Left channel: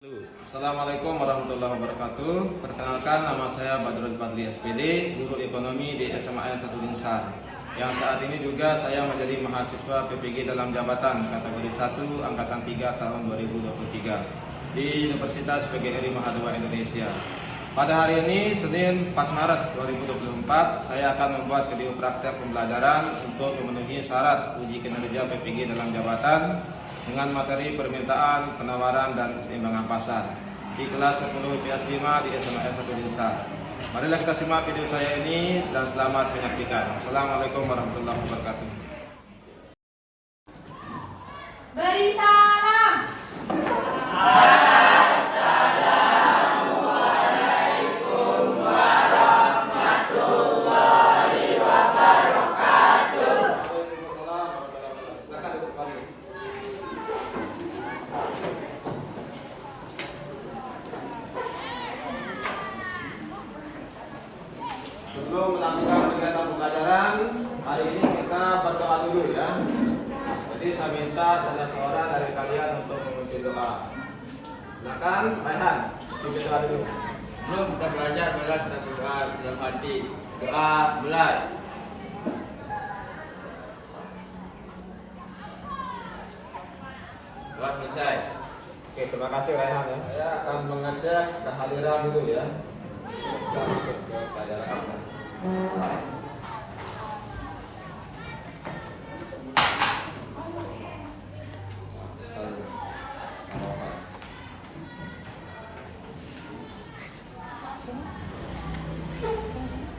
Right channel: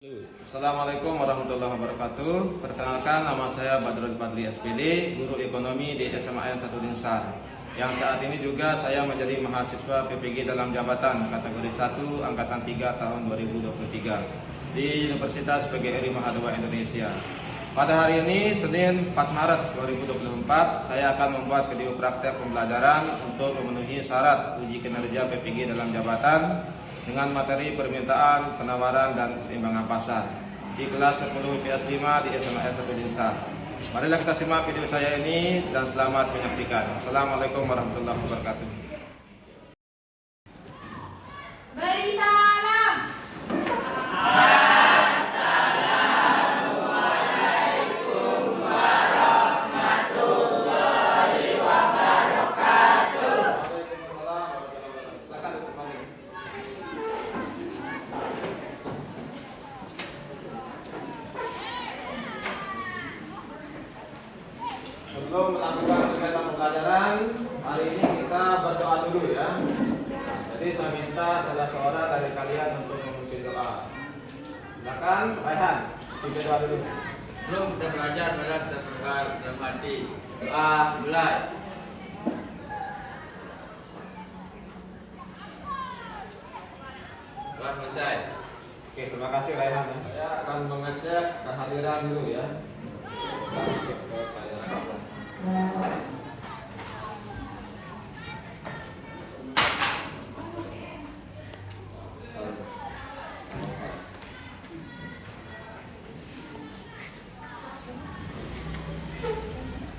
Assalamualaikum warahmatullahi wabarakatuh. Perkenalkan, nama saya Badrul Fadli SPD, guru ekonomi di SMA 1 Linsar. Yang saat ini juga saya menjadi mahasiswa PPG dalam jabatan kategori 1 angkatan 3 tahun 2023 di Universitas PGRI Mahadua Indonesia. Pada hari ini, Senin 4 Maret 2024, saya akan membuat video praktek pembelajaran untuk memenuhi syarat uji kinerja PPG dalam jabatan dengan materi permintaan, penawaran, dan keseimbangan pasar di kelas 10 IPS 5 di SMA 1 Linsar. Marilah kita simak video saya ini dan selamat menyaksikan. Assalamualaikum warahmatullahi wabarakatuh. Beri salam. Sebelum melakukan kegiatan pembelajaran, hari ini kita berdoa dulu ya. Jadi saya minta salah seorang dari kalian untuk memimpin doa. Silakan, Raihan, pimpin doa dulu. Sebelum kita belajar, kita berdoa dalam hati. Doa mulai. Doa selesai. Oke, terima kasih Raihan ya. Saya akan mengecek kehadiran dulu ya. Oke, saya rekam.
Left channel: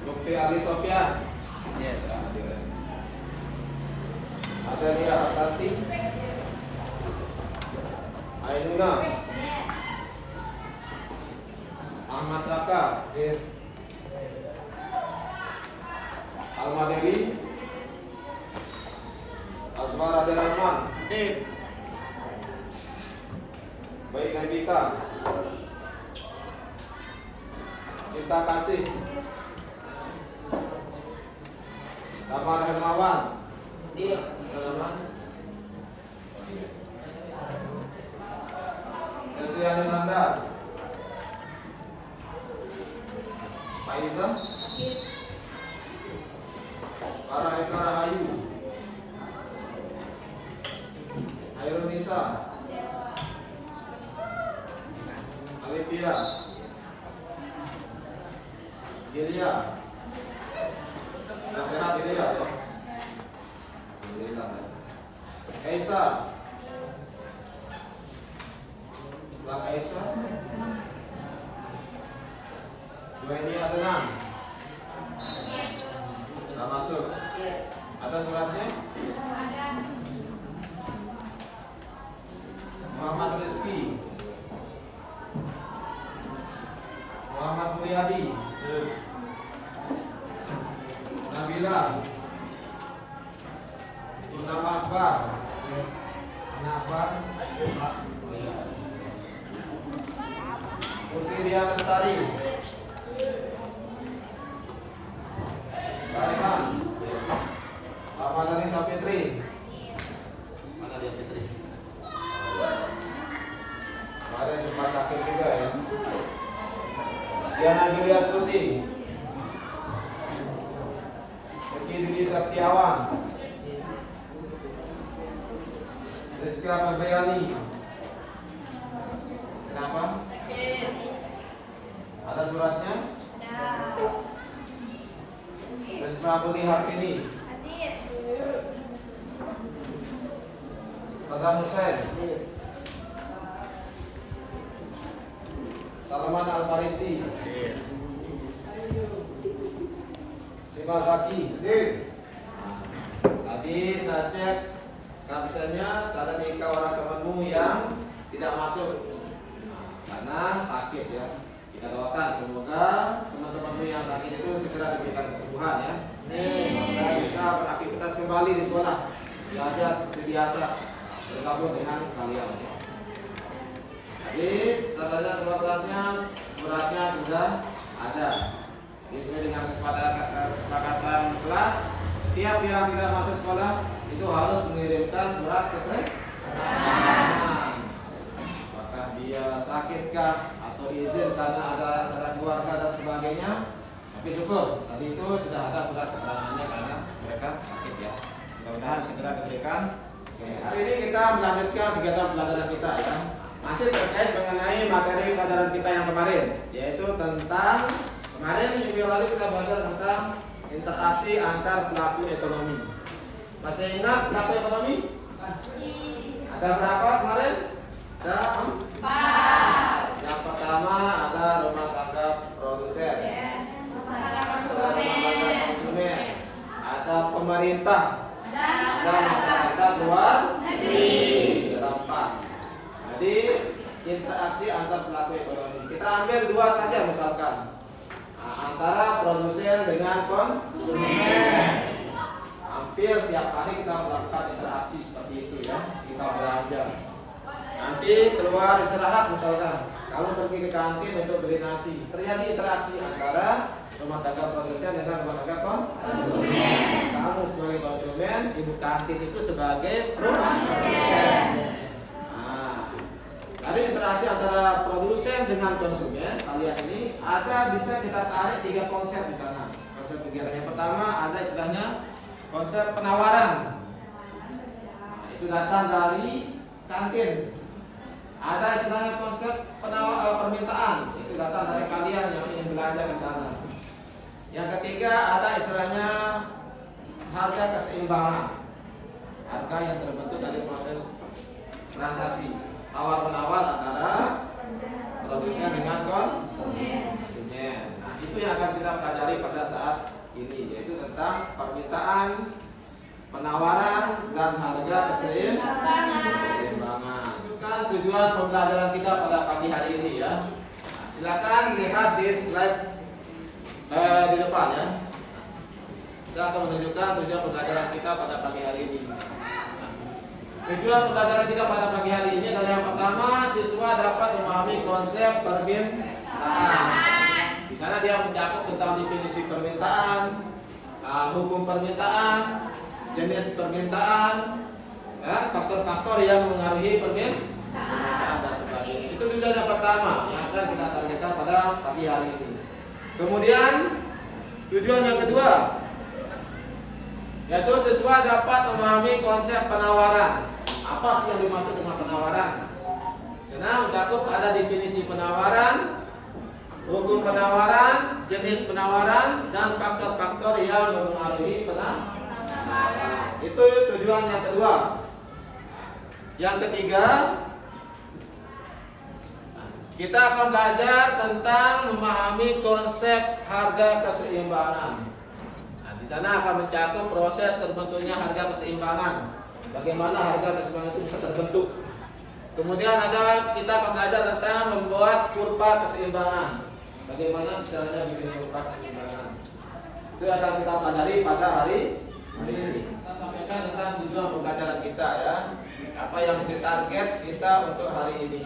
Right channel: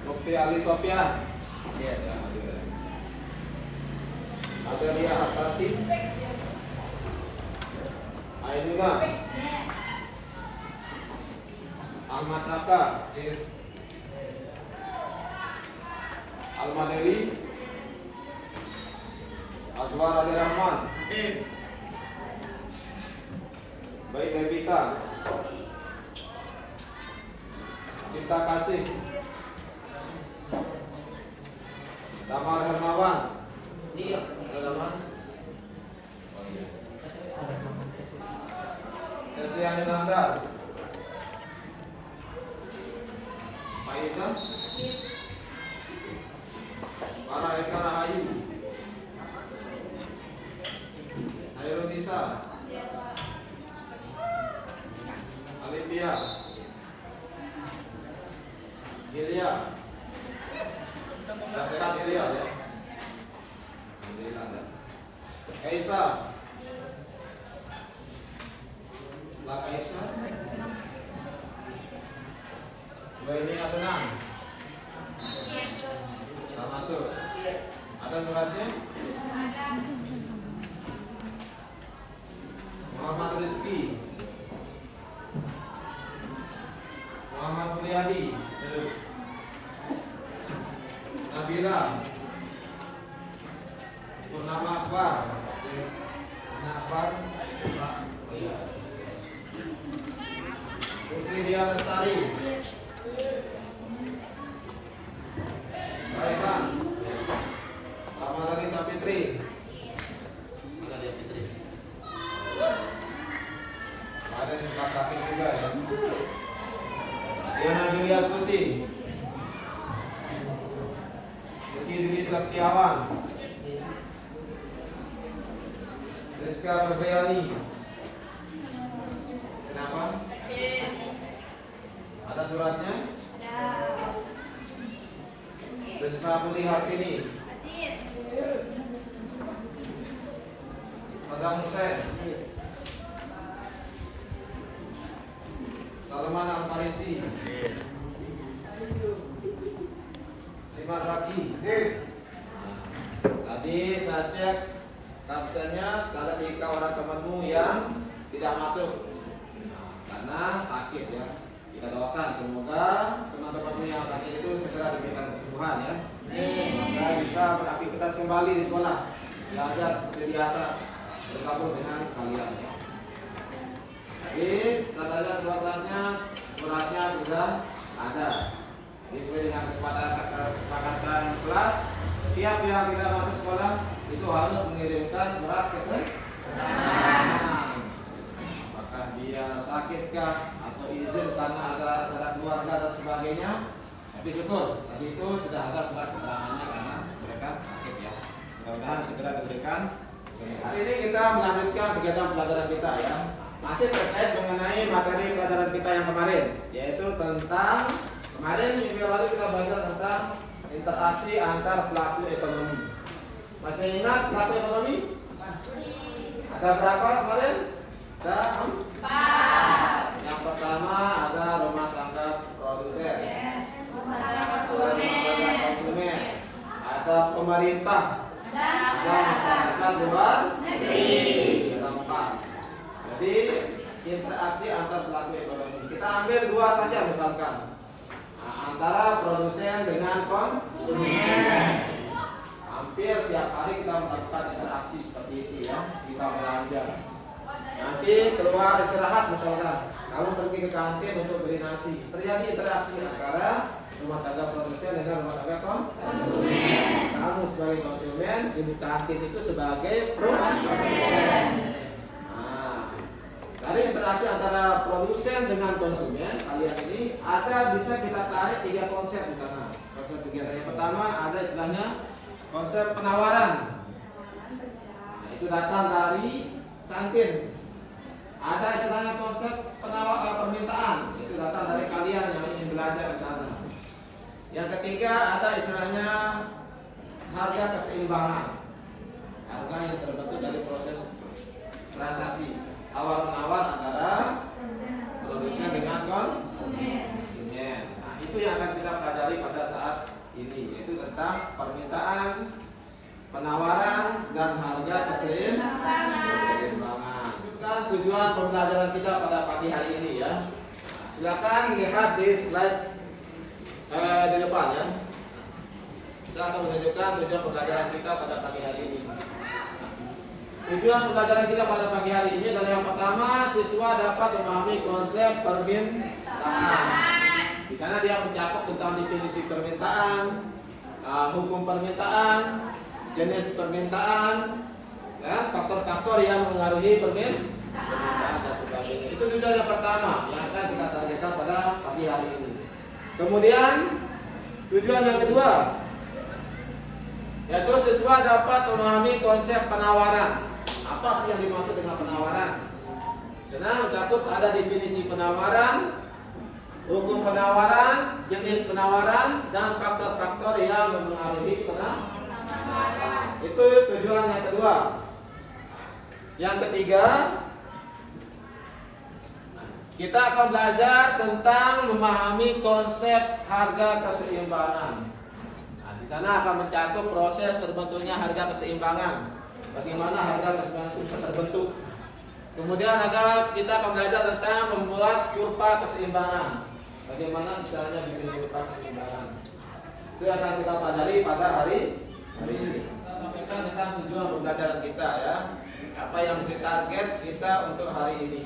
Bukti Ali Sofia. Adelia Hartati. Ainuna. Ahmad Saka. Almadeli. Azwar Abdurrahman. Baik Nabita. Kita kasih. Damar Hermawan. Dia Hermawan. Kristian Nanda. Maisa. Para Eka Rahayu. Airunisa. Alipia. Gilia. Sudah sehat Gilia ya? Alhamdulillah. Kaisa. Lak Aisa. Ini Adnan. Nah, masuk. Ada suratnya? Muhammad Rizki. Muhammad Mulyadi. Nabila. Purnama Akbar. Akbar. Putri Dia Lestari. Baiklah. Amalani Sapitri. Mana dia Fitri? Ada juga sakit juga ya. Diana Julia Stuti. Uki Dwi Septiawan. Rizka Febriani. Kenapa? Ada suratnya? Risma Putih Hartini. Saddam Hussein. Salman Al-Farisi. Sima Zaki. Tadi saya cek kapsennya karena nikah orang temanmu yang tidak masuk karena sakit ya. Kita doakan semoga teman-temanmu yang sakit itu segera diberikan kesembuhan ya. Semoga bisa beraktivitas kembali di sekolah, belajar seperti biasa, bergabung dengan kalian. Jadi setelah kedua kelasnya, suratnya sudah ada. Sesuai dengan kesepakatan kelas, tiap yang tidak masuk sekolah itu harus mengirimkan surat keterangan. Maka apakah dia sakitkah atau izin karena ada acara keluarga dan sebagainya. Tapi syukur tadi itu sudah ada surat keterangannya karena mereka sakit ya. Mudah-mudahan segera diberikan. Hari ini kita melanjutkan kegiatan pelajaran kita ya. Masih terkait mengenai materi pelajaran kita yang kemarin, yaitu tentang kemarin minggu lalu kita belajar tentang interaksi antar pelaku ekonomi. Masih ingat pelaku ekonomi? Ada berapa kemarin? Ada 4. Yang pertama ada rumah tangga produsen, ada konsumen, ada pemerintah, ada masyarakat luar negeri. Ada 4. Jadi interaksi antar pelaku ekonomi. Kita ambil 2 saja misalkan. Antara produsen dengan konsumen. Hampir tiap hari kita melakukan interaksi seperti itu ya. Kita belanja. Nanti keluar istirahat misalkan, kamu pergi ke kantin untuk beli nasi. Terjadi interaksi antara rumah tangga produsen dengan rumah tangga konsumen. Kamu sebagai konsumen, ibu kantin itu sebagai produsen. Dari interaksi antara produsen dengan konsumen, kalian ini ada bisa kita tarik 3 konsep di sana. Konsep kegiatan yang pertama ada istilahnya konsep penawaran. Itu datang dari kantin. Ada istilahnya konsep permintaan. Itu datang dari kalian yang ingin belajar di sana. Yang ketiga ada istilahnya harga keseimbangan. Harga yang terbentuk dari proses transaksi tawar-menawar antara produsen dengan konsumen. Nah, itu yang akan kita pelajari pada saat ini, yaitu tentang permintaan, penawaran, dan harga keseimbangan. Kan tujuan pembelajaran kita pada pagi hari ini ya. Silakan lihat di slide di depan ya. Kita akan menunjukkan tujuan pembelajaran kita pada pagi hari ini. Tujuan pembelajaran kita pada pagi hari ini adalah yang pertama, siswa dapat memahami konsep permintaan. Di sana dia mencakup tentang definisi permintaan, hukum permintaan, jenis permintaan, ya, faktor-faktor yang mengaruhi permintaan dan sebagainya. Itu tujuan yang pertama yang akan kita targetkan pada pagi hari ini. Kemudian tujuan yang kedua, yaitu siswa dapat memahami konsep penawaran. Apa sih yang dimaksud dengan penawaran? Karena mencakup ada definisi penawaran, hukum penawaran, jenis penawaran, dan faktor-faktor yang mempengaruhi penawaran. Itu tujuan yang kedua. Yang ketiga, kita akan belajar tentang memahami konsep harga keseimbangan. Nah, di sana akan mencakup proses terbentuknya harga keseimbangan. Bagaimana harga keseimbangan itu bisa terbentuk. Kemudian kita akan belajar tentang membuat kurva keseimbangan. Bagaimana caranya bikin kurva keseimbangan. Itu yang akan kita pelajari pada hari ini. Kita sampaikan tentang tujuan pembelajaran kita ya. Apa yang menjadi target kita untuk hari ini.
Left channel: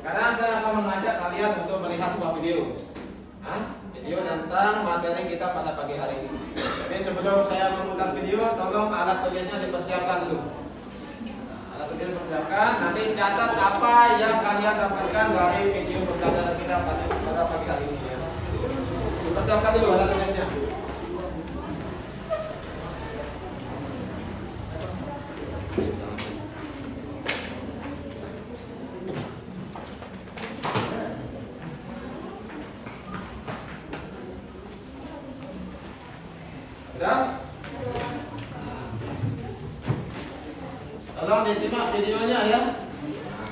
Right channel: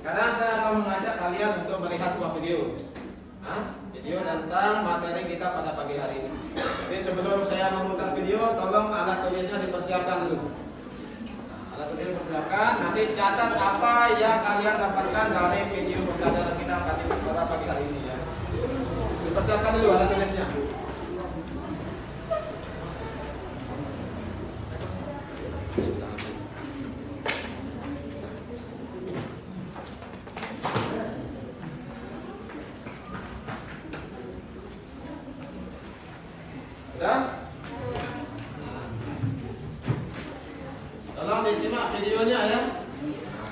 Sekarang saya akan mengajak kalian untuk melihat sebuah video. Video tentang materi kita pada pagi hari ini. Jadi sebelum saya memutar video, tolong alat tulisnya dipersiapkan dulu. Alat tulisnya dipersiapkan. Nanti catat apa yang kalian dapatkan dari video pembelajaran kita pada pagi hari ini ya. Dipersiapkan dulu alat tulisnya. Sudah? Tolong disimak videonya ya.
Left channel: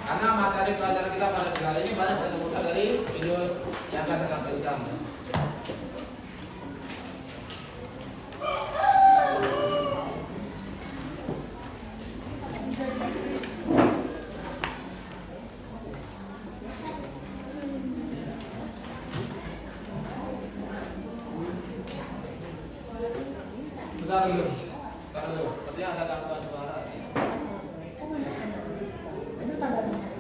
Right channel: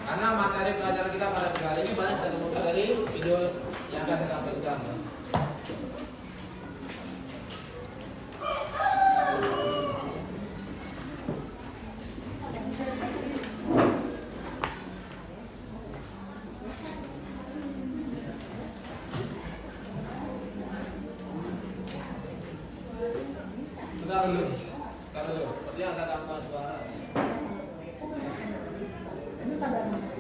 Karena materi pelajaran kita pada kali ini banyak kita temukan dari video yang akan saya sampaikan ya. Bentar dulu. Sepertinya ada gangguan suara. Itu kabar ini.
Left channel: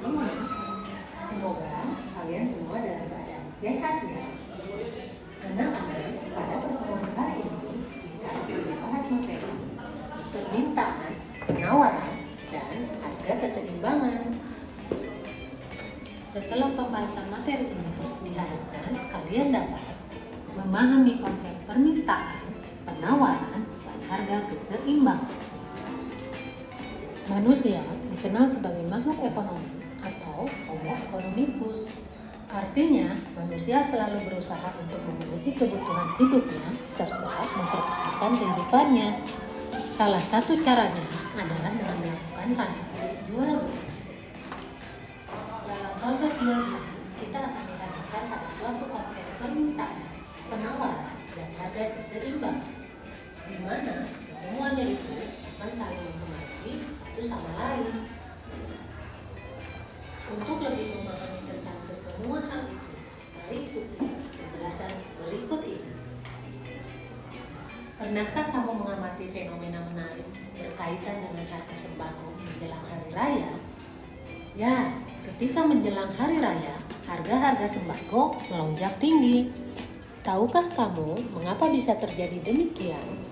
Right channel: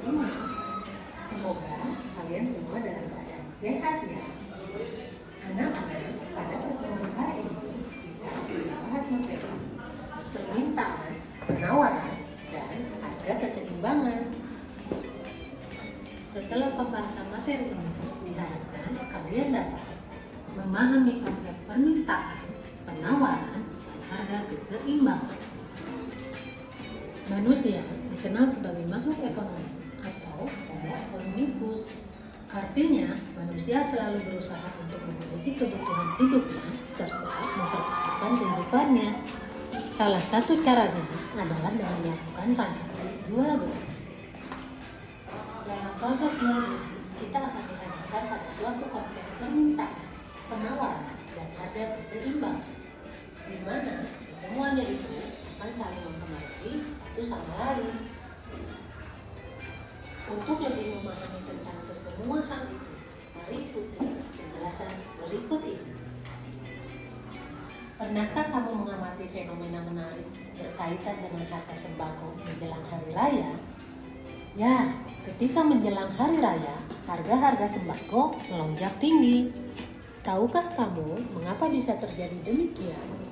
Semoga kalian semua dalam keadaan sehat ya. Anak-anak, pada pertemuan kali ini kita akan membahas materi permintaan, penawaran, dan harga keseimbangan. Setelah pembahasan materi ini, diharapkan kalian dapat memahami konsep permintaan, penawaran, dan harga keseimbangan. Manusia dikenal sebagai makhluk ekonomi atau Homo economicus. Artinya, manusia selalu berusaha untuk memenuhi kebutuhan hidupnya serta mempertahankan kehidupannya. Salah satu caranya adalah dengan melakukan transaksi jual beli. Dalam proses jual beli, kita akan dihadapkan pada suatu konsep permintaan, penawaran, dan harga keseimbangan, di mana semuanya itu akan saling mempengaruhi satu sama lain. Untuk lebih memahami tentang kesemua hal itu, mari ikuti penjelasan berikut ini. Pernahkah kamu mengamati fenomena menarik berkaitan dengan harga sembako menjelang hari raya? Ya, ketika menjelang hari raya, harga-harga sembako melonjak tinggi. Tahukah kamu mengapa bisa terjadi demikian?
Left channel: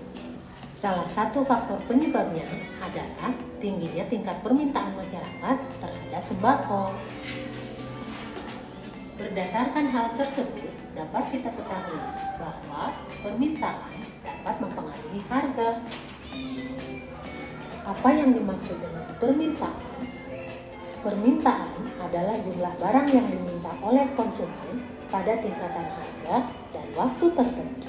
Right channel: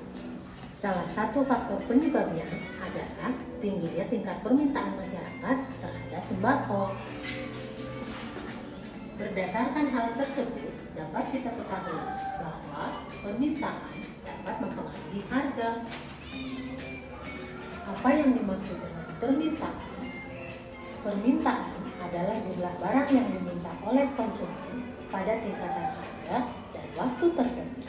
Salah satu faktor penyebabnya adalah tingginya tingkat permintaan masyarakat terhadap sembako. Berdasarkan hal tersebut, dapat kita ketahui bahwa permintaan dapat mempengaruhi harga. Apa yang dimaksud dengan permintaan? Permintaan adalah jumlah barang yang diminta oleh konsumen pada tingkatan harga dan waktu tertentu.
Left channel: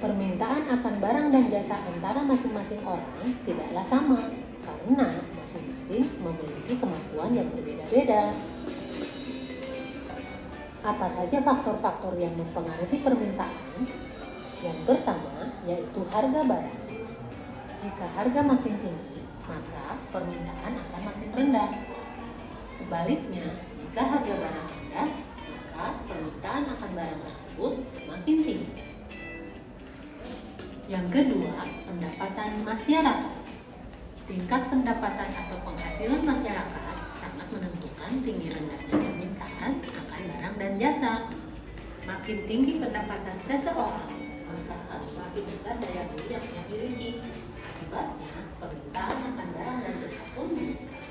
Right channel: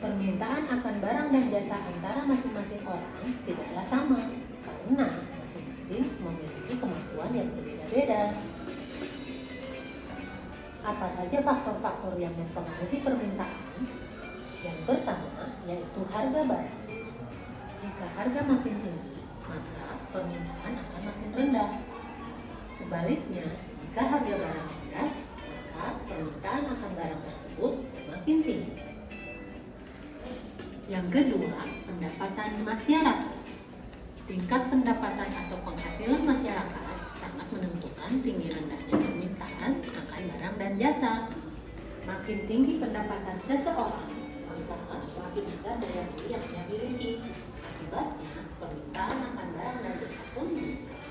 Permintaan akan barang dan jasa antara masing-masing orang tidaklah sama karena masing-masing memiliki kemampuan yang berbeda-beda. Apa saja faktor-faktor yang mempengaruhi permintaan? Yang pertama yaitu harga barang. Jika harga makin tinggi, maka permintaan akan makin rendah. Sebaliknya, jika harga barang rendah, maka permintaan akan barang tersebut semakin tinggi. Yang kedua, pendapatan masyarakat. Tingkat pendapatan atau penghasilan masyarakat sangat menentukan tinggi rendahnya permintaan akan barang dan jasa. Makin tinggi pendapatan seseorang, maka makin besar daya beli yang dia miliki. Akibatnya, permintaan akan barang dan jasa pun meningkat.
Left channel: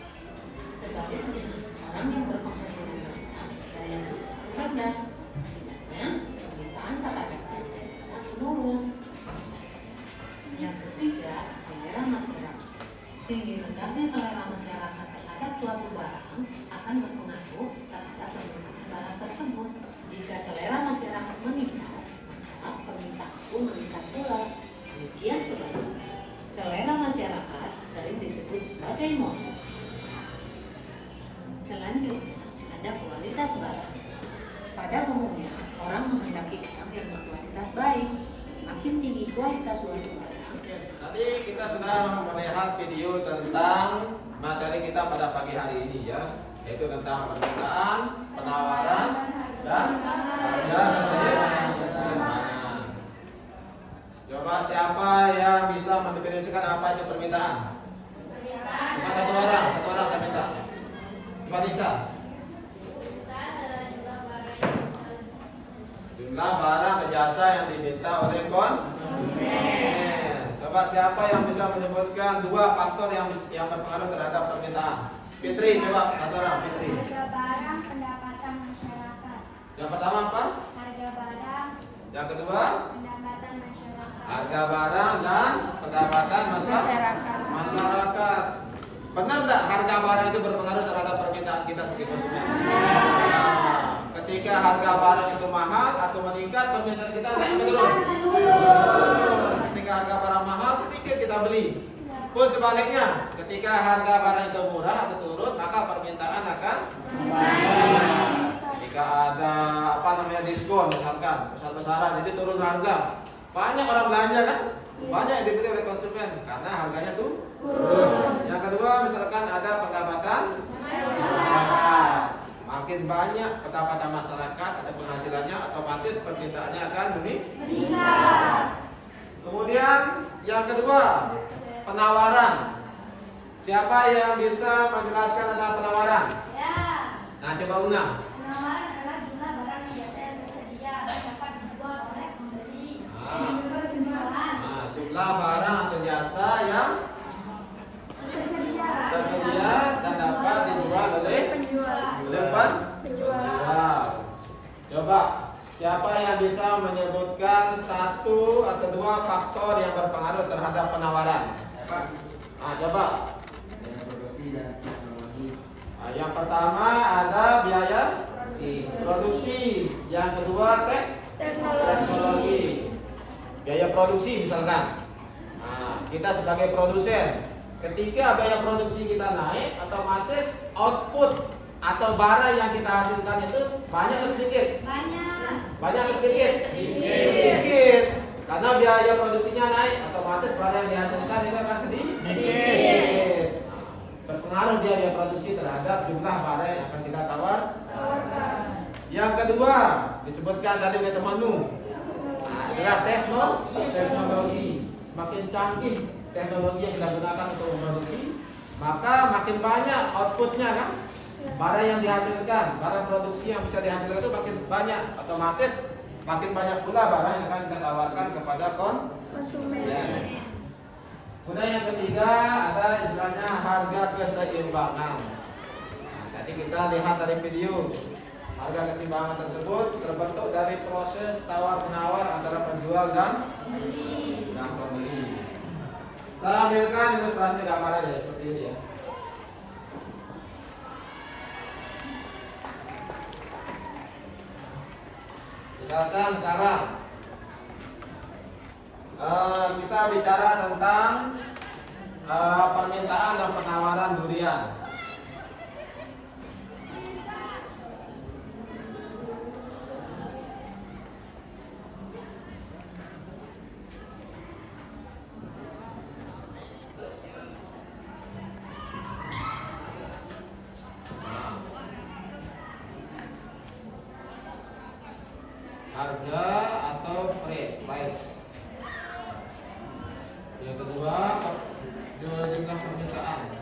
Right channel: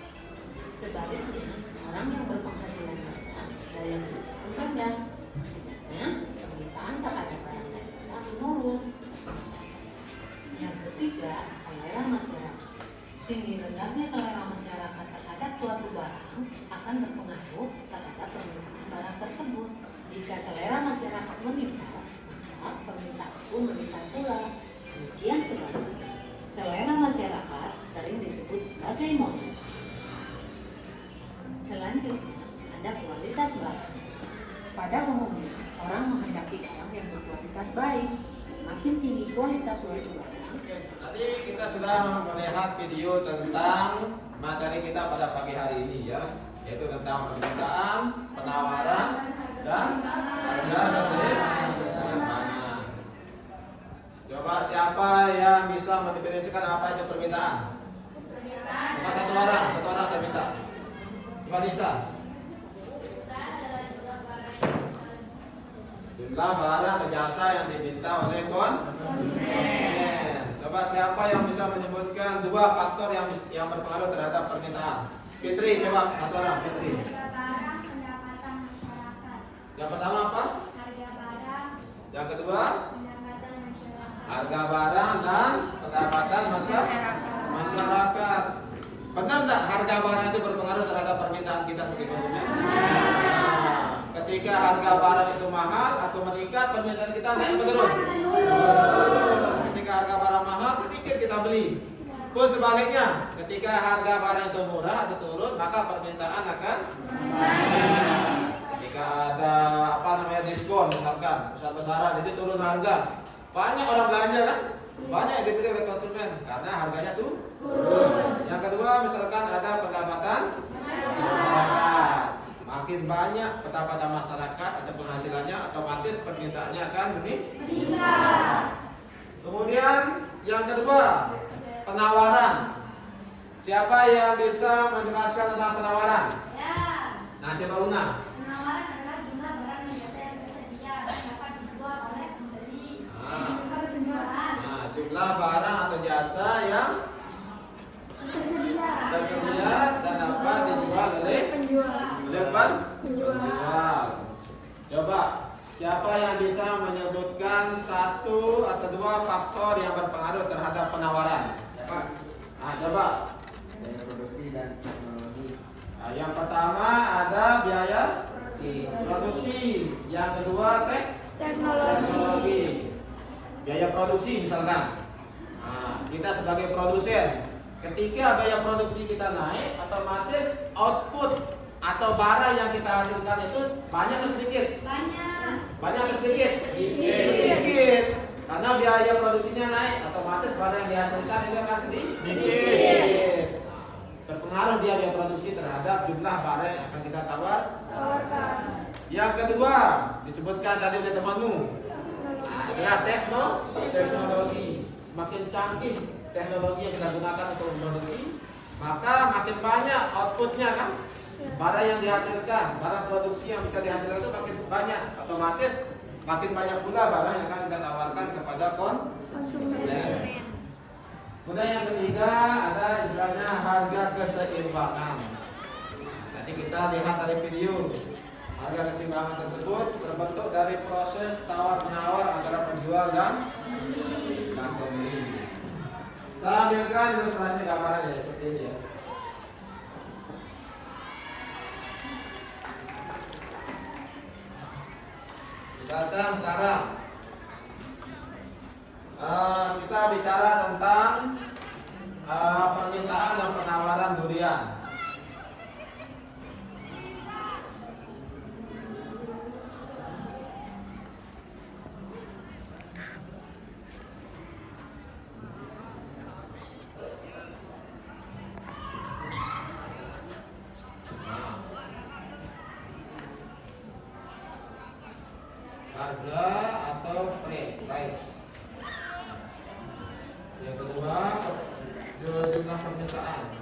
Sebaliknya, orang yang berpenghasilan rendah, daya beli pun rendah. Akibatnya, permintaan terhadap barang dan jasa menurun. Yang ketiga, selera masyarakat. Tinggi rendahnya selera masyarakat terhadap suatu barang akan berpengaruh terhadap permintaan barang tersebut. Jika selera masyarakat meningkat, maka permintaan pun meningkat pula. Demikian sebaliknya, selera masyarakat sering disebut sebagai moda. Selanjutnya, ada kualitas barang. Pada umumnya, orang menghendaki barang yang berkualitas baik. Semakin tinggi kualitas suatu barang, Tadi kita sudah melihat video tentang materi kita pada pagi hari ini ya, yaitu tentang permintaan, penawaran, dan harga keseimbangan. Coba siapa yang bisa mendefinisikan apa itu permintaan? Cuma satu orang saya minta. Coba bisa. Jumlah barang atau jasa yang diminta oleh konsumen. Coba siapa yang bisa menyebutkan dua faktor yang berpengaruh terhadap permintaan? Fitri, coba satu orang, Fitri. Harga barang, pendapatan masyarakat. Yang pertama apa? Harga barang, Yang kedua, pendapatan masyarakat. harga barang dan pendapatan masyarakat. Benar tidak harga barang itu berpengaruh terhadap permintaan kita sebagai konsumen? Nah, ketika harga barang itu mahal atau meningkat, permintaan kita naik atau turun? Ketika harga barang mahal, sedikit kita beli. Pun sebaliknya, ketika harga barang itu murah atau turun, maka permintaan akan naik. Ketika ada diskon, misalkan besar-besaran, jadi turun harga, banyak orang belanja kan? Banyak yang dibeli oleh konsumen karena harganya tuh turun. Yang kedua, misalkan ada pendapatan masyarakat. Makin banyak pendapatan masyarakat atau penghasilannya, otomatis permintaannya akan meningkat. Kemudian yang kedua, penawaran. Siapa yang bisa menjelaskan tentang penawaran? Ya. Nah, coba Una. Penawaran adalah jumlah barang dan jasa yang tersedia dan dapat dijual oleh pembeli. Penjualan. Nah, jumlah barang atau jasa yang tersedia dan dapat dijual oleh faktor yang berpengaruh terhadap penawaran? Nah, coba. Nah, yang pertama ada biaya produksi, yang kedua teknologi. Biaya produksi misalkan. Nah, kita sebagai produsen, ketika biaya produksi kita naik, otomatis output atau barang yang kita hasilkan itu banyak atau sedikit? Banyak atau sedikit? Sedikit. Karena biaya produksinya naik, otomatis barang yang dihasilkan juga akan sedikit. Berpengaruh biaya produksi terhadap jumlah barang yang akan kita tawarkan. Yang kedua disebutkan tadi oleh temanmu. Nah, adalah teknologi. Makin canggih teknologi yang kita gunakan untuk memproduksi, maka makin banyak outputnya kan? Barang yang dihasilkan, barang produksi yang bisa dihasilkan itu makin banyak, otomatis makin banyak pula barang yang akan kita tawarkan kepada konsumen. Kemudian yang ketiga ada istilahnya harga keseimbangan. Nah, tadi kita lihat dari video, harga keseimbangan tersebut terbentuk dari proses tawar-menawar antara penjual dan pembeli. Saya ambilkan ilustrasi gambaran ya, seperti ini ya. Misalkan sekarang kita bicara tentang permintaan dan penawaran durian. Harga atau price. Yang kedua jumlah permintaan.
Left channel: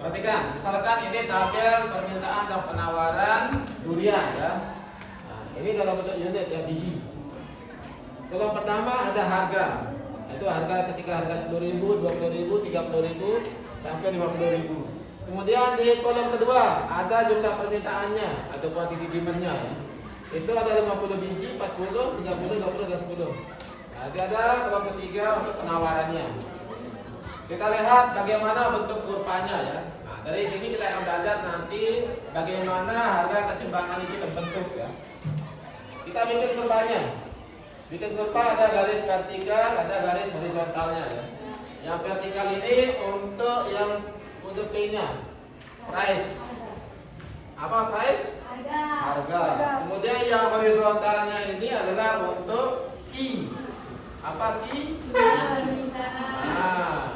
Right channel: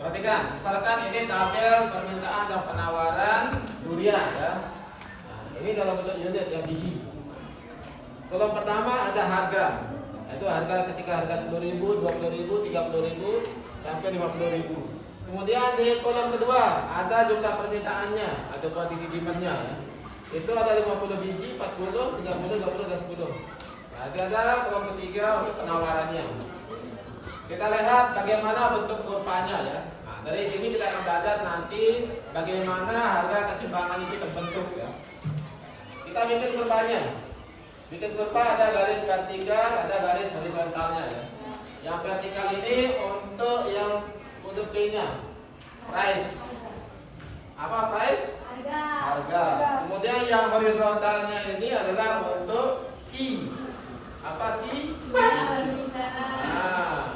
Perhatikan, misalkan ini tabel permintaan dan penawaran durian ya. Nah, ini dalam bentuk unit yang biji. Kolom pertama ada harga. Itu harga ketika harga 10.000, 20.000, 30.000 sampai 50.000. Kemudian di kolom kedua ada jumlah permintaannya atau quantity demand-nya ya. Itu ada 50 biji, 40, 30, 20 dan 10. Nah, ada kolom ketiga untuk penawarannya. Kita lihat bagaimana bentuk kurvanya ya. Nah, dari sini kita akan belajar nanti bagaimana harga keseimbangan itu terbentuk ya. Kita bikin kurvanya. Bikin kurva ada garis vertikal, ada garis horizontalnya ya. Yang vertikal ini untuk P-nya, price. Apa price? Harga. Kemudian yang horizontalnya ini adalah untuk Q. Apa Q? Nah,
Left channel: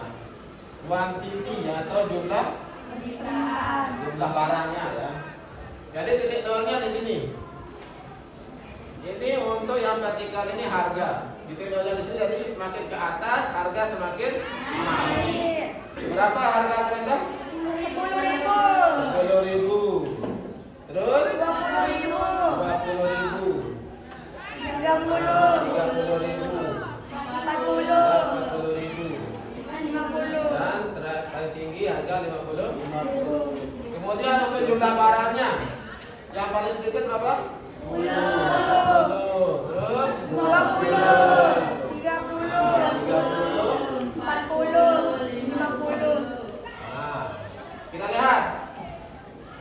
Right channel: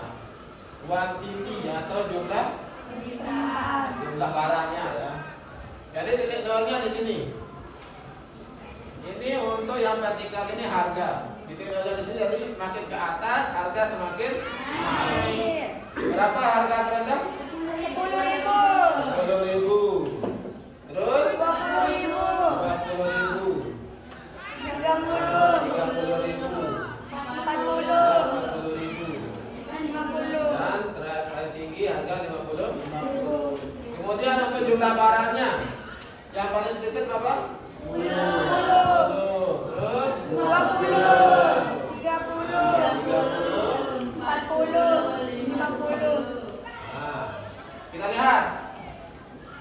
quantity atau jumlah barangnya ya. Jadi titik nolnya di sini. Ini untuk yang vertikal ini harga. Titik nolnya di sini, jadi semakin ke atas harga semakin naik. Berapa harga terendah? 10.000. Terus 20.000. 30.000. 40.000. Dan paling tinggi harga 50. Kemudian untuk jumlah barangnya, yang paling sedikit berapa? 10. Terus 20, 30, 40, 50. Nah, kita lihat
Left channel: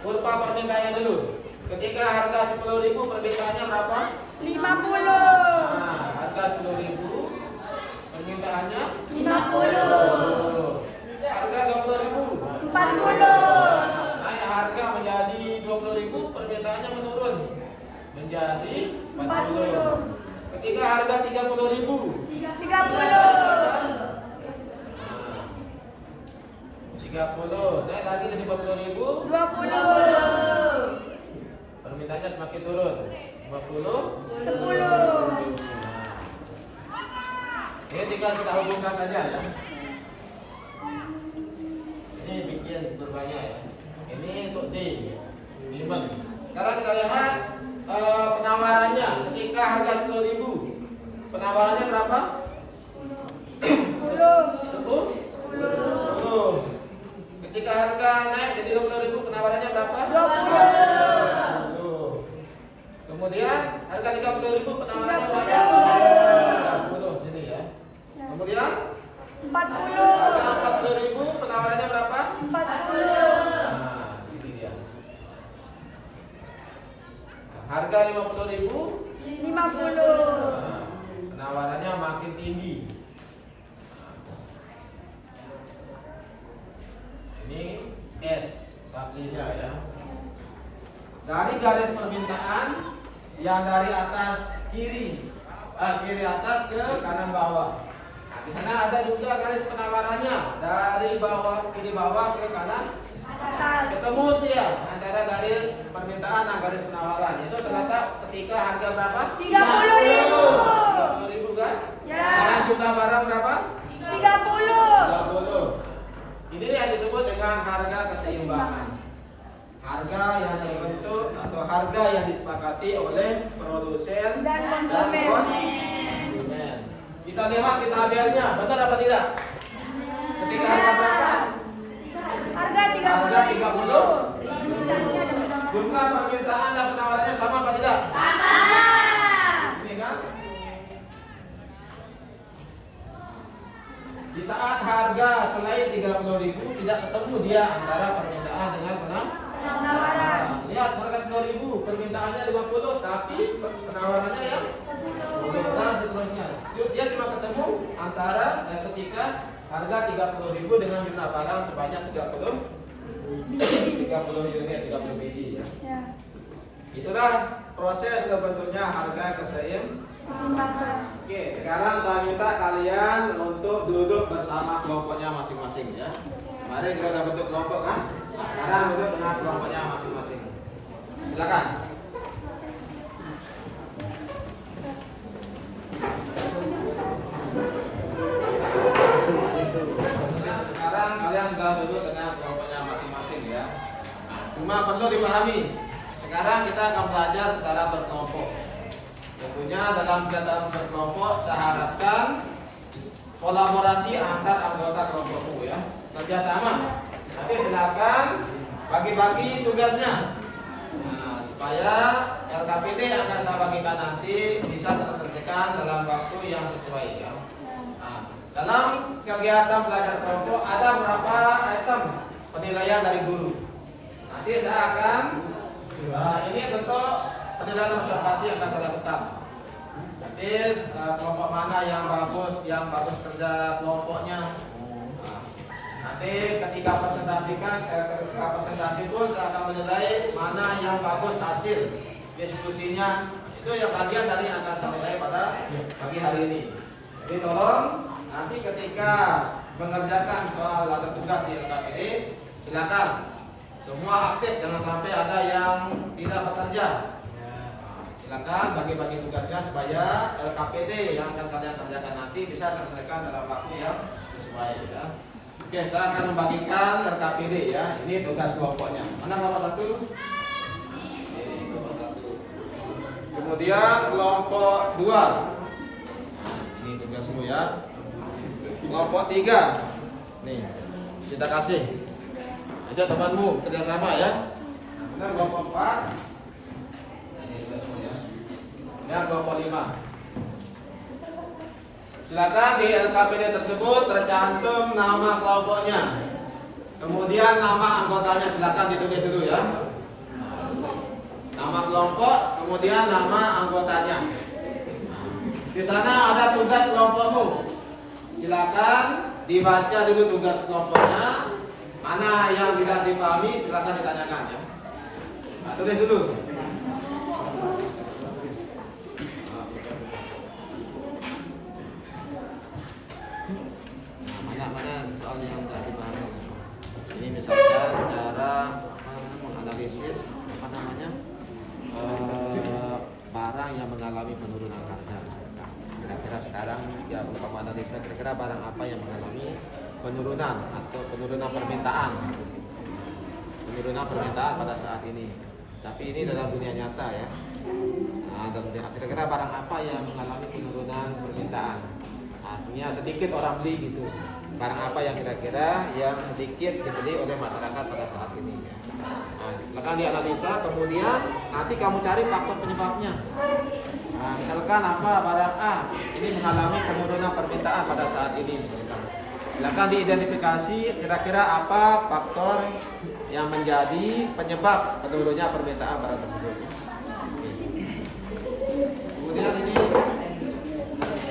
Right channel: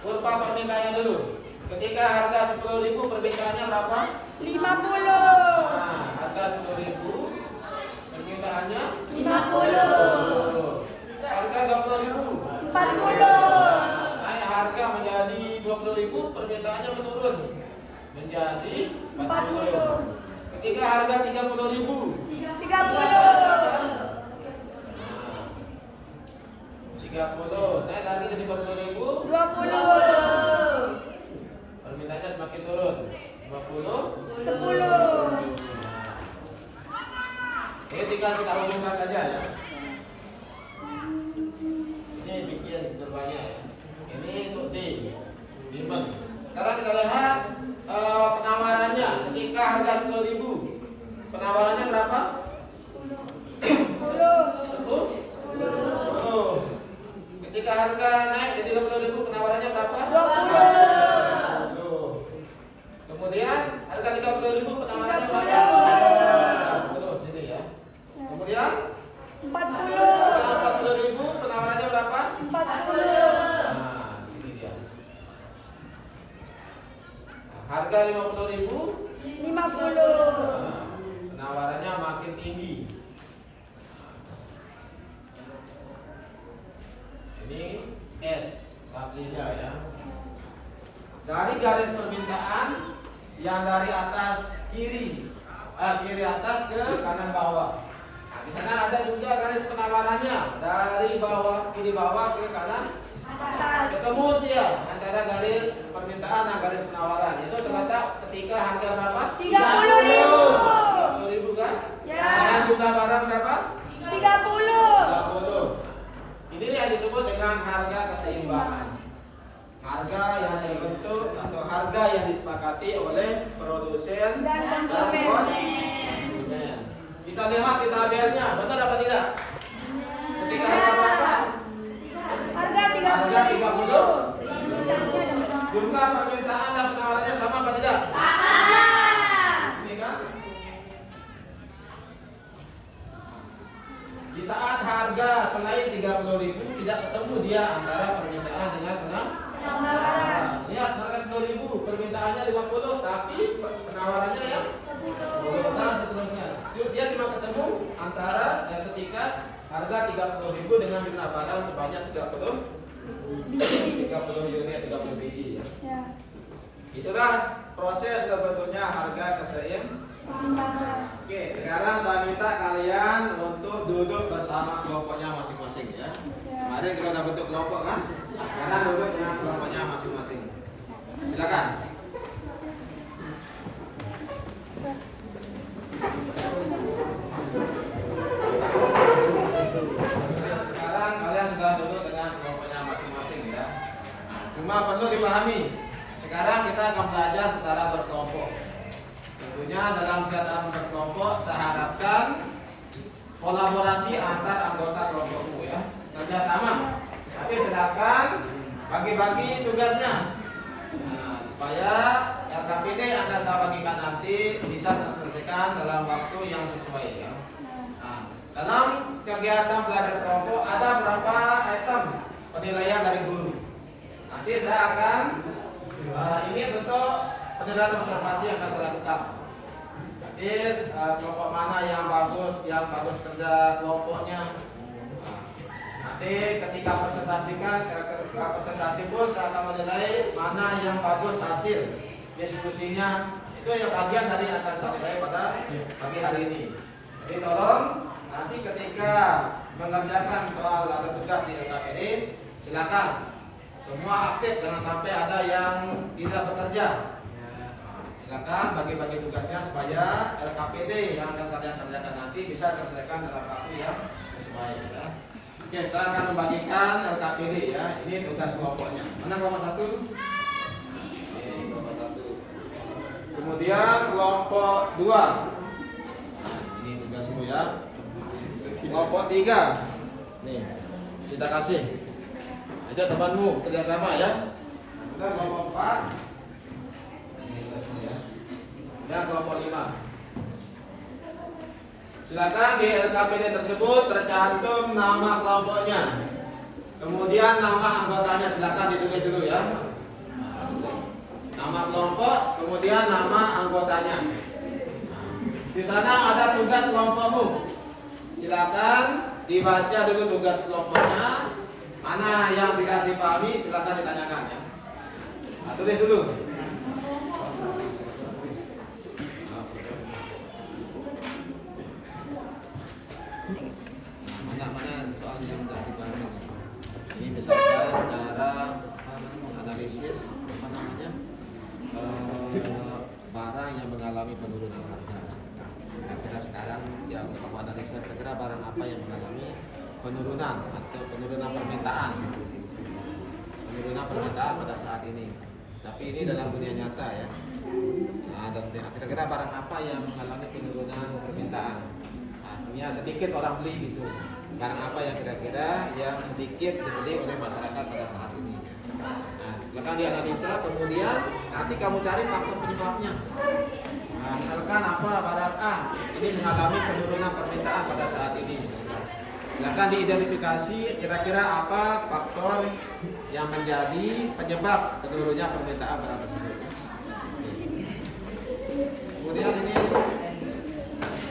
kurva permintaannya dulu. Ketika harga 10.000 permintaannya berapa? 50, Nah, harga 10.000 permintaannya 50, harga 20.000. 40, Naik harga menjadi 20.000 permintaannya menurun menjadi 40. Ketika harga 30.000 30, 30 naik lagi jadi 40.000 20, permintaannya semakin turun 50 10. Ini tinggal kita hubungkan saja ya. Ini bikin kurvanya ya. Ini untuk D demand. Sekarang kita lihat penawarannya. Ketika harga 10.000 penawarannya berapa? 10. Ketika harga naik jadi 20.000 penawarannya berapa? 20, Kemudian harga 30.000 penawarannya berapa? 40 sini ya. Kemudian 40, harga 40.000 penawarannya berapa? 40, Nah, sini dia. Nah, harga 50.000 50, nah, penawarannya makin tinggi. Ini S Sablisa ya. Dari garis permintaan yang dari atas kiri atas ke kanan bawah. Nah, di sana ada juga garis penawarannya dari kiri bawah ke kanan. atas, Ketemu dia antara garis permintaan dan garis penawaran. Itu ternyata ketika harga berapa? 30.000. 30.000 kan? Ya. Dan jumlah barang berapa? 30, 30. Ini yang disebut dengan harga keseimbangan. Harga yang terbentuk atau harga yang disepakati oleh produsen dan konsumen. konsumen. Kita lihat di tabelnya, benar apa tidak? Ketika harga berapa? Harga 30, Harga 30. Jumlah permintaan dan penawarannya sama apa tidak? Ini kan? Di saat harga selain 30.000 tidak ketemu dia antara permintaan dengan penawaran, lihat harga 10.000 permintaannya 50 tapi penawarannya ya 10 dan seterusnya. Dia cuma ketemu antara ketika harga 30.000 dengan jumlah barang sebanyak 30 unit 30 biji ya. ya, Itulah proses terbentuknya harga keseimbangan. Oke, sekarang saya minta kalian untuk duduk bersama kelompoknya masing-masing ya. Kemarin kita udah bentuk kelompok kan? Nah, sekarang duduk dengan kelompoknya masing-masing. Silakan. Sekarang kalian sudah duduk dengan kelompoknya masing-masing ya. Cuma perlu dipahami. Sekarang kita akan belajar secara berkelompok. Tentunya dalam kegiatan berkelompok saya harapkan kolaborasi antar anggota kelompokku ya, kerjasama. Nanti silakan bagi-bagi tugasnya, supaya LKPD yang akan saya bagikan nanti bisa terselesaikan dalam waktu yang sesuai ya. Nah, dalam kegiatan belajar kelompok ada beberapa item penilaian dari guru. Nanti saya akan ini bentuk penilaian observasi yang akan saya lakukan. Nanti kelompok mana yang bagus kerja kelompoknya. Nanti ketika presentasi pun saya akan menilai mana yang bagus hasil diskusinya. Itu yang bagian dari yang akan saya nilai pada pagi hari ini. Jadi tolong nanti ketika mengerjakan soal atau tugas di LKPD silakan semua aktif, jangan sampai ada yang tidak bekerja. Silakan bagi-bagi tugasnya supaya LKPD yang akan kalian kerjakan nanti bisa terselesaikan dalam waktu yang sesuai ya. Oke, saya akan membagikan LKPD ya. Ini tugas kelompoknya. Mana kelompok 1? Ini kelompok 1. Kemudian kelompok 2. Nah, ini tugasmu ya. Kelompok 3. Nih, kita kasih. Ajak temanmu kerjasama ya. Kita kelompok 4. Dan kelompok 5. Silakan di LKPD tersebut tercantum nama kelompoknya. Kemudian nama anggotanya silakan ditulis dulu ya. Nama kelompok, kemudian nama anggotanya. Di sana ada tugas kelompokmu. Silakan dibaca dulu tugas kelompoknya. Mana yang tidak dipahami silakan ditanyakan ya. Nah, tulis dulu. Nah, mana soal yang tidak dipahami. Ini misalkan cara menganalisis barang yang mengalami penurunan harga. Kira-kira sekarang ya kamu analisa kira-kira barang apa yang mengalami penurunan atau penurunan permintaan pada saat ini. Tapi ini dalam dunia nyata ya. Nah, kira-kira barang apa yang mengalami penurunan permintaan? Artinya sedikit orang beli gitu. Barang apa yang kira-kira yang sedikit dibeli oleh masyarakat pada saat ini? Nah, silakan dianalisa, kemudian nanti kamu cari faktor penyebabnya. Nah, misalkan apa barang A ini mengalami penurunan permintaan pada saat ini. Silakan diidentifikasi kira-kira apa faktor yang menjadi penyebab menurunnya permintaan barang tersebut. Kemudian ini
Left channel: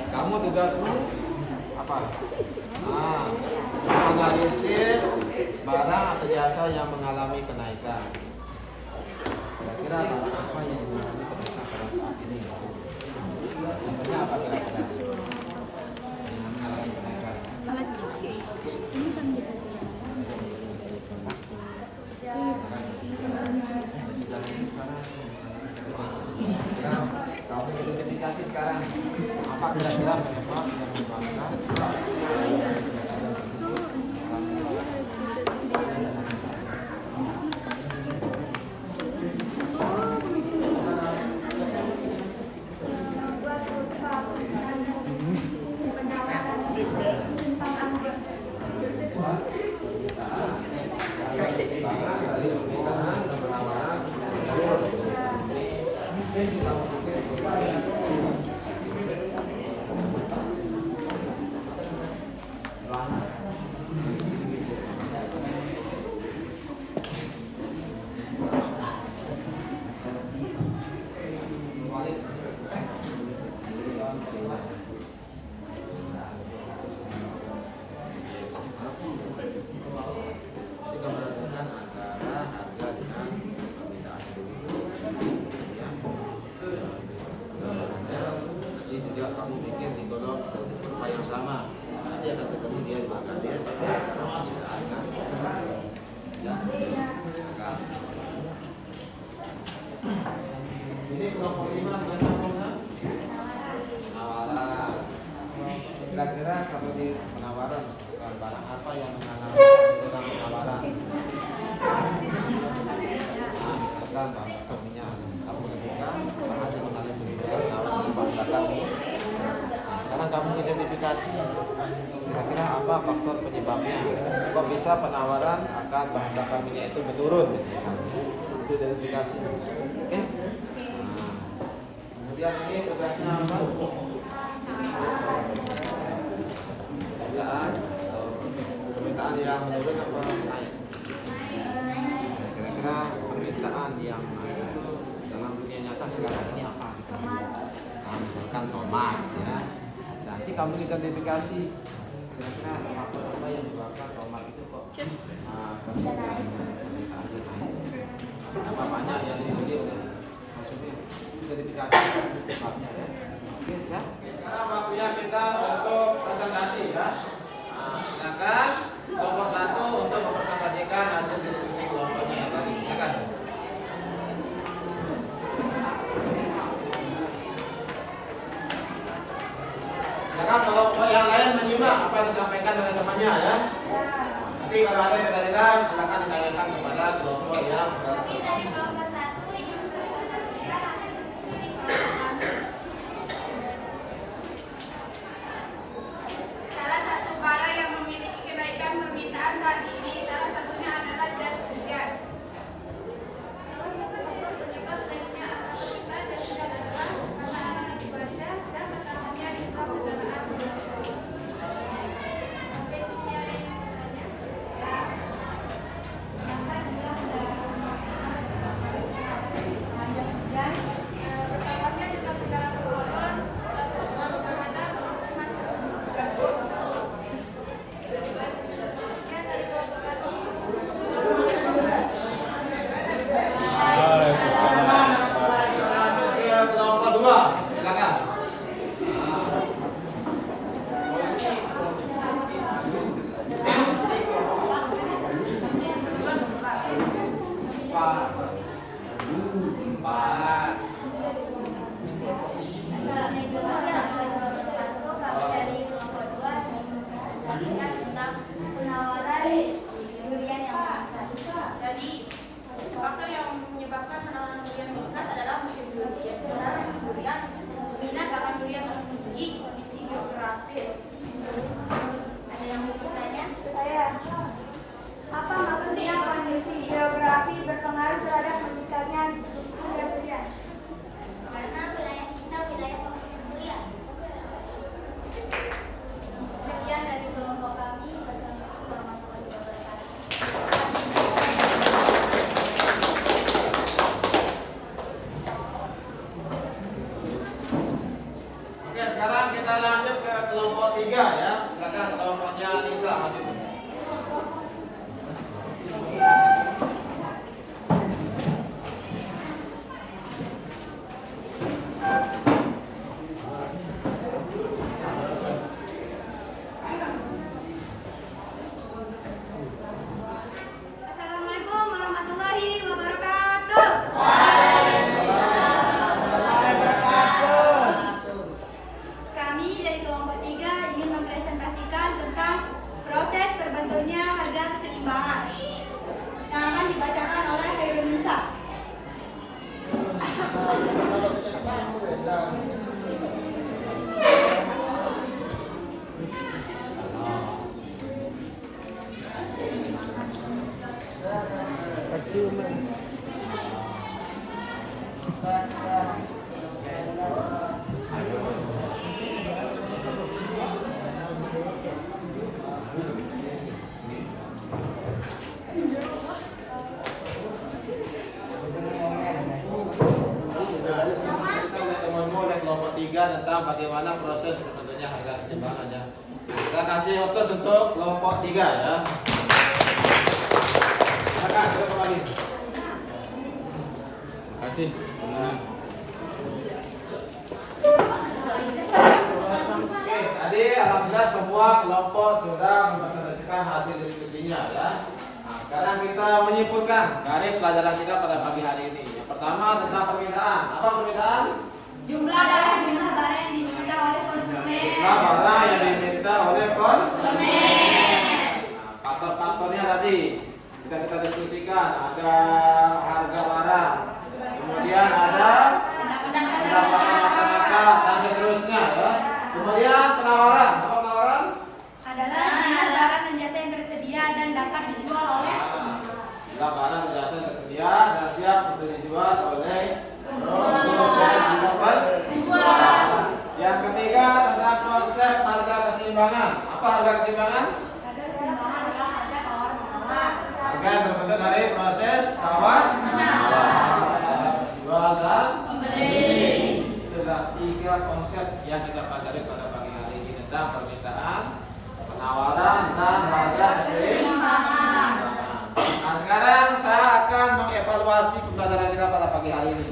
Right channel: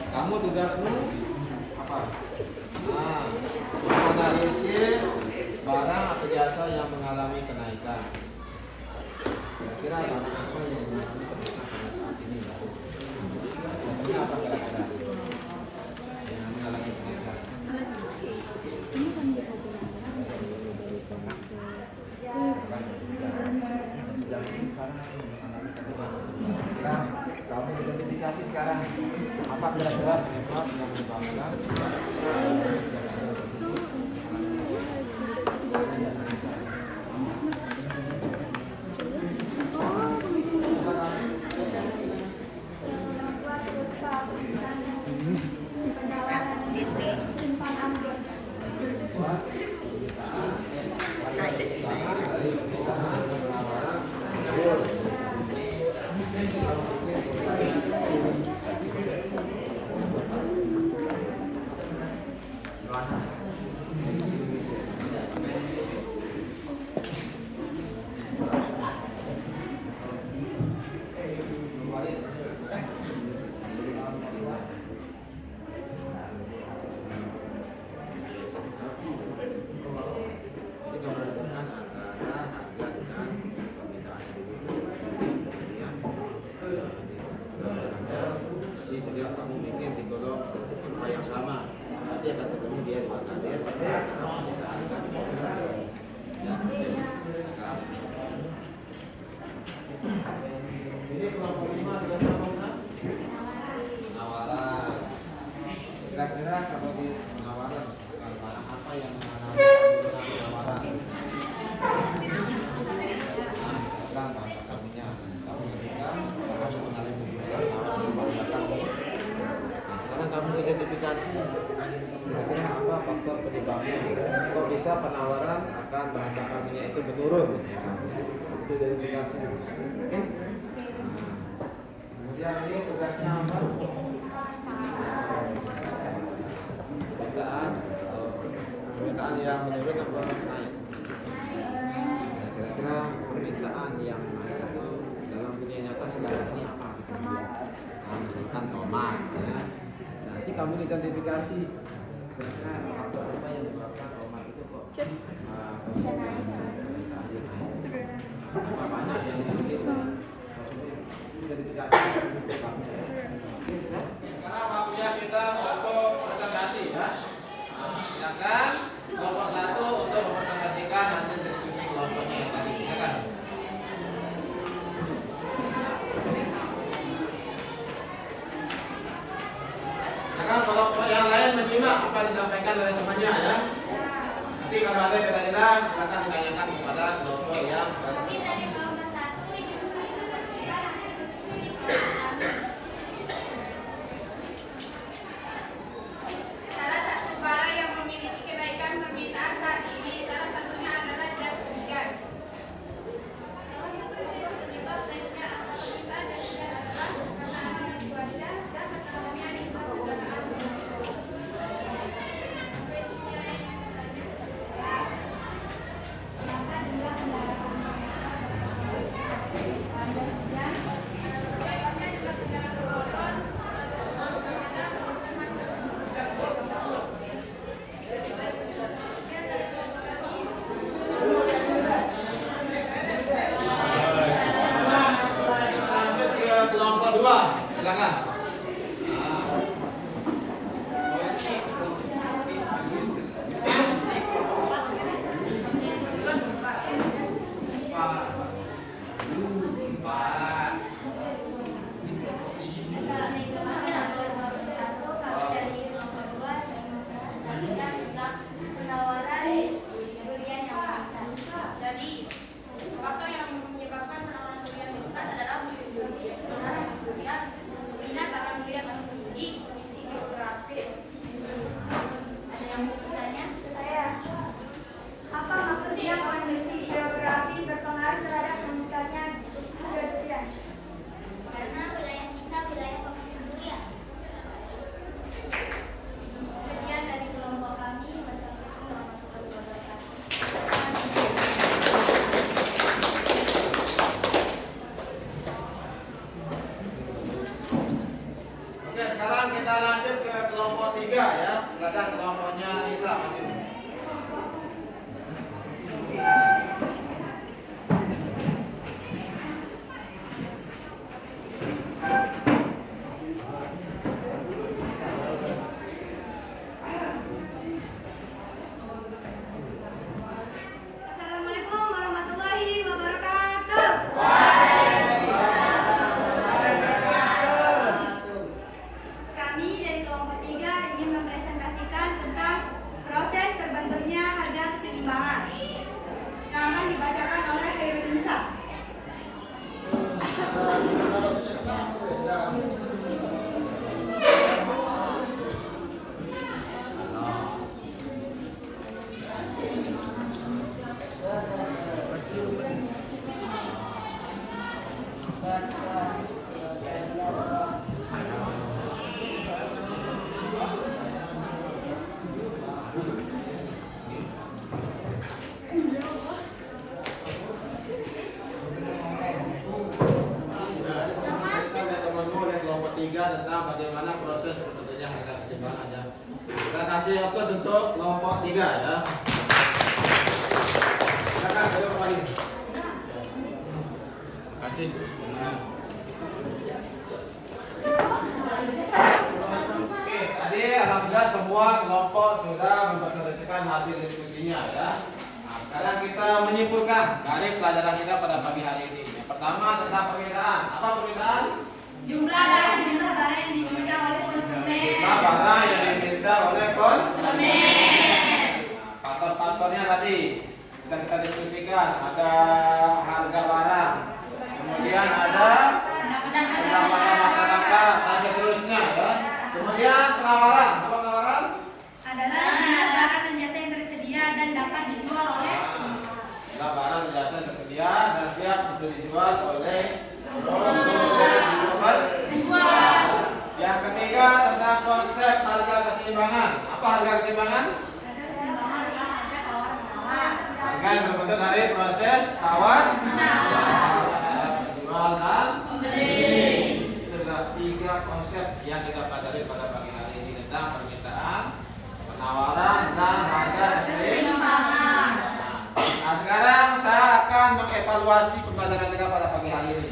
kamu tugasmu apa? Nah, menganalisis barang atau jasa yang mengalami kenaikan. Kira-kira barang apa yang mengalami kenaikan pada saat ini? Ini apa kira-kira yang mengalami kenaikan? Alat cuci. Ini kan kita jalan dari produk ke Kamu identifikasi sekarang apa kira-kira penyebab yang menyebabkan penawaran timpang anggur. kamu bikin di kolom kurva yang sama, nanti akan ketemu dia di belakang dia tidak akan ya akan. Ini kelompok 5 dengan sama penawaran. Kira-kira kalau di penawaran barang apa yang mengalami penurunan penawaran? Nah, misalkan bahan bakar minyak, kamu berikan bahan yang mengalami penurunan penawaran di bahan bakar ini. Sekarang kamu identifikasi kira-kira apa faktor penyebabnya, kok bisa penawaran akan bahan bakar minyak itu menurun, itu identifikasi. Oke. Nah, kemudian ini tugasnya apa? Permintaan yang menurun atau naik. Nah, kira-kira permintaan yang naik itu dalam dunia nyata sekarang ini apa? Nah, misalkan tomat ya. Nanti kamu identifikasi kira-kira faktor apa yang menyebabkan tomat itu kok Bisa naik. apa banyak yang dibeli maksudnya identifikasi penyebabnya ya. Oke, siap. Sekarang waktunya kita untuk presentasi ya. Nah, silakan kelompok 1 untuk mempresentasikan hasil diskusi kelompoknya yang tadi. Silakan. Silakan kalau yang lain menyimak apa yang disampaikan oleh temannya ya. Nanti kalau ada yang tidak jelas, silakan ditanyakan kepada kelompok yang Ini dari kelompok 1 ingin mempresentasikan hasil diskusi kelompok 1. Salah satu barang yang memiliki kenaikan permintaan saat ini salah satunya adalah jas sekarang kita lanjut ke kelompok 3 ya. Silakan kelompoknya bisa maju. Assalamualaikum warahmatullahi wabarakatuh. Kami dari kelompok 3 ingin mempresentasikan tentang proses terbentuknya harga keseimbangan yang akan dibacakan oleh Khairul Nisa. Oleh kelompok 3 tentang bagaimana proses terbentuknya harga keseimbangannya. Kita kasih aplaus untuk kelompok 3 ya. Silakan duduk kembali. Kasih. Oke, tadi alhamdulillah semua kelompok sudah mempresentasikan hasil diskusinya ya. Nah, sekarang kita menyimpulkan dari pelajaran kita pada pagi hari ini. Yang pertama tentang permintaan. Apa permintaan? Jumlah barang yang diminta oleh konsumen. Jumlah barang yang diminta oleh konsumen. Nah, faktor-faktornya tadi kita diskusikan. Ada harga barang, kemudian ada pendapatan masyarakat dan seterusnya ya. Kemudian penawaran. Apa penawaran? Adalah jumlah barang dan jasa yang tersedia dan dapat dijual oleh Jumlah barang dan jasa yang tersedia dan siap untuk dijual oleh penjual. Yang ketiga tentang konsep harga keseimbangan. Apa harga keseimbangan? Harga keseimbangan adalah harga tawar menawar. Harga yang terbentuk dari proses tawar jual dan Pembeli. Itu adalah 3 konsep yang kita pelajari pada pagi hari ini tentang permintaan, penawaran, dan harga keseimbangan. Nah, sekarang saya akan mengevaluasi pembelajaran kita pada pagi hari ini.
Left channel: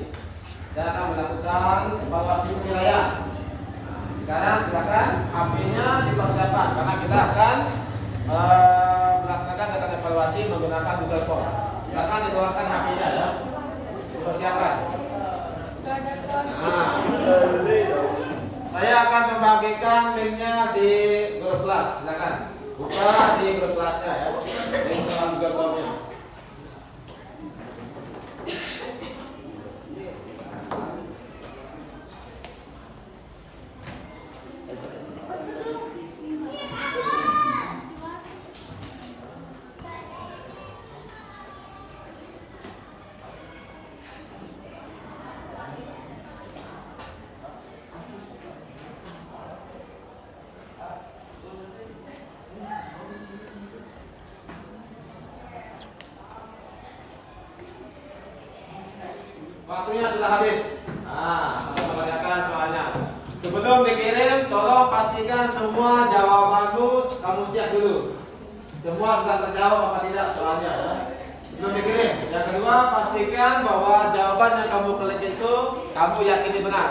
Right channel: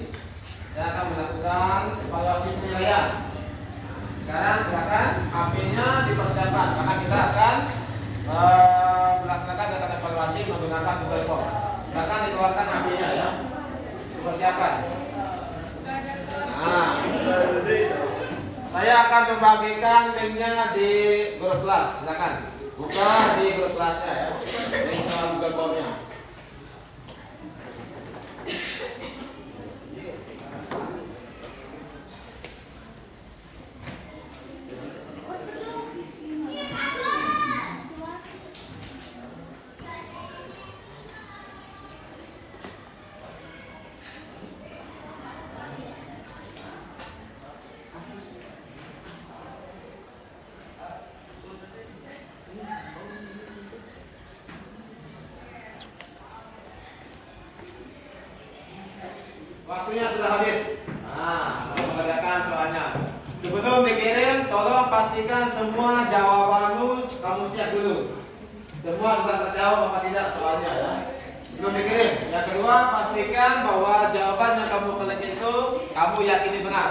Saya akan melakukan evaluasi penilaian. Sekarang silakan HP-nya dipersiapkan karena kita akan melaksanakan data evaluasi menggunakan Google Form. Silakan dikeluarkan HP-nya ya. Dipersiapkan. Nah, saya akan membagikan linknya di grup kelas. Silakan buka di grup kelasnya ya. Di Google Form-nya. Waktunya sudah habis. Nah, mengerjakan soalnya. Sebelum dikirim, tolong pastikan semua jawabanmu kamu cek dulu. Semua sudah terjawab apa tidak soalnya ya. Sebelum dikirim. Yang kedua, pastikan bahwa jawaban yang kamu klik itu kamu yakini benar.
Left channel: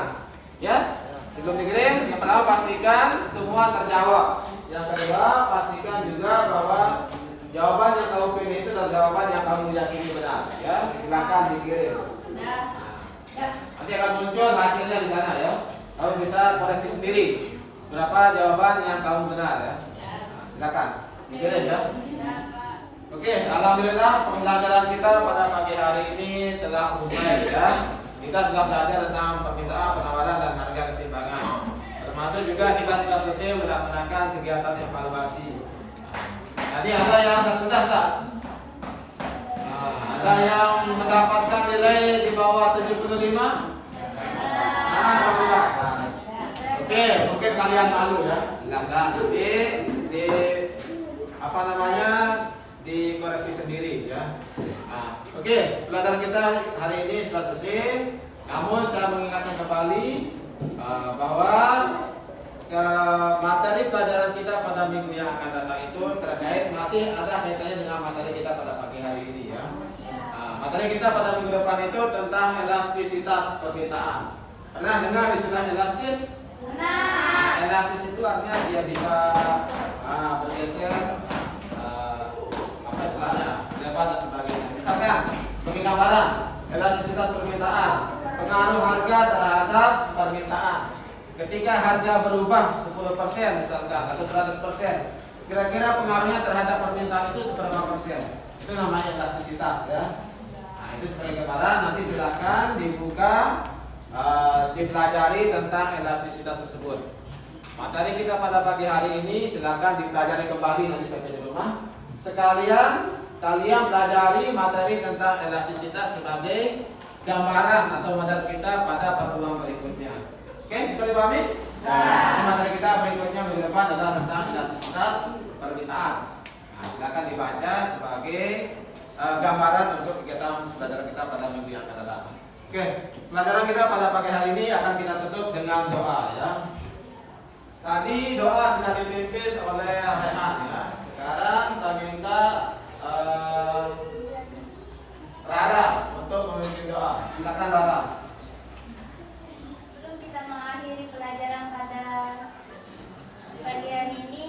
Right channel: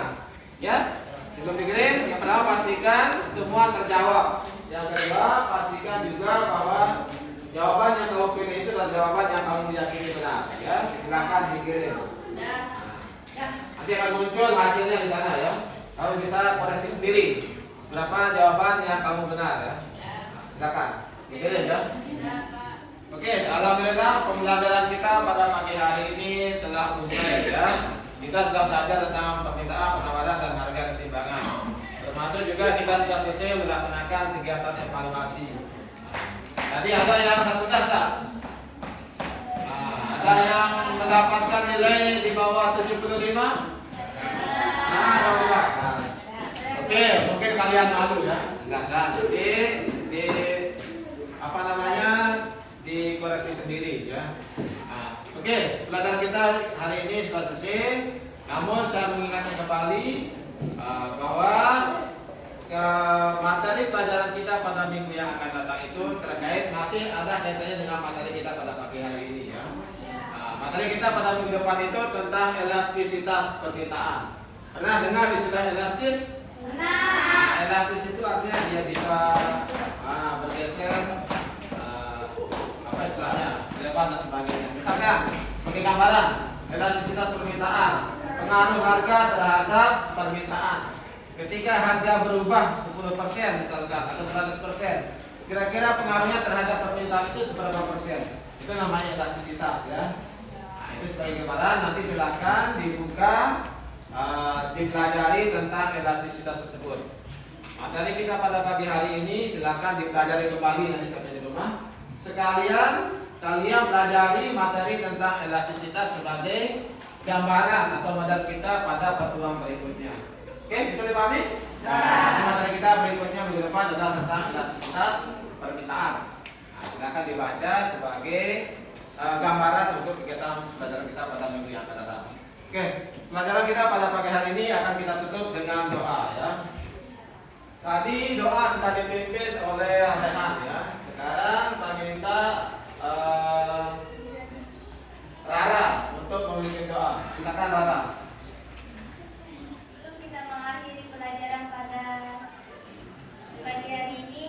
Ya. Sebelum dikirim, yang pertama pastikan semua terjawab. Yang kedua, pastikan juga bahwa jawaban yang kamu pilih itu adalah jawaban yang kamu yakini benar. Ya, silakan dikirim. Nanti akan muncul hasilnya di sana ya. Kamu bisa koreksi sendiri berapa jawaban yang kamu benar ya. Silakan dikirim ya. Oke, alhamdulillah pembelajaran kita pada pagi hari ini telah usai ya. Kita sudah belajar tentang permintaan, penawaran, dan harga keseimbangan. Termasuk juga kita sudah selesai melaksanakan kegiatan evaluasi. Tadi ada yang satu tes tak? Ada yang mendapatkan nilai di bawah 75? Nah, alhamdulillah. Oke, mungkin kalian malu ya. Silakan. Di apa namanya? Dikoreksi sendiri ya. Nah, oke, pelajaran kita hari ini sudah selesai. Namun saya mengingatkan kembali bahwa pelajaran kita pada minggu yang akan datang itu terkait masih ada kaitannya dengan materi kita pada pagi hari ini ya. Nah, materi kita pada minggu depan itu tentang elastisitas permintaan. Pernah dengar istilah elastis? Nah, elastis itu artinya dia bisa bergeser, apa istilahnya, lebar dan sebagainya. Misalkan sebagai gambaran, elastisitas permintaan, pengaruh harga terhadap permintaan. Ketika harga berubah 10% misalkan atau 100%, kira-kira pengaruhnya terhadap permintaan itu seberapa persen? Itu namanya elastisitas ya. Nah, itu sebagai gambaran, nanti silakan dibuka, dipelajari tentang elastisitas tersebut. Materi kita pada pagi hari ini silakan dipelajari kembali nanti sampai di rumah. Sekalian kalian pelajari materi tentang elastisitas sebagai gambaran atau modal kita pada pertemuan berikutnya. Oke, bisa dipahami? Nah, materi kita berikutnya minggu depan adalah tentang elastisitas permintaan. Nah, silakan dibaca sebagai gambaran untuk kegiatan pelajaran kita pada minggu yang akan datang. Oke, pelajaran kita pada pagi hari ini akan kita tutup dengan doa ya. Tadi doa sudah dipimpin oleh Rehan ya. Sekarang saya minta Rara untuk memimpin doa. Silakan Rara. Sebelum kita mengakhiri pelajaran pada pagi hari ini,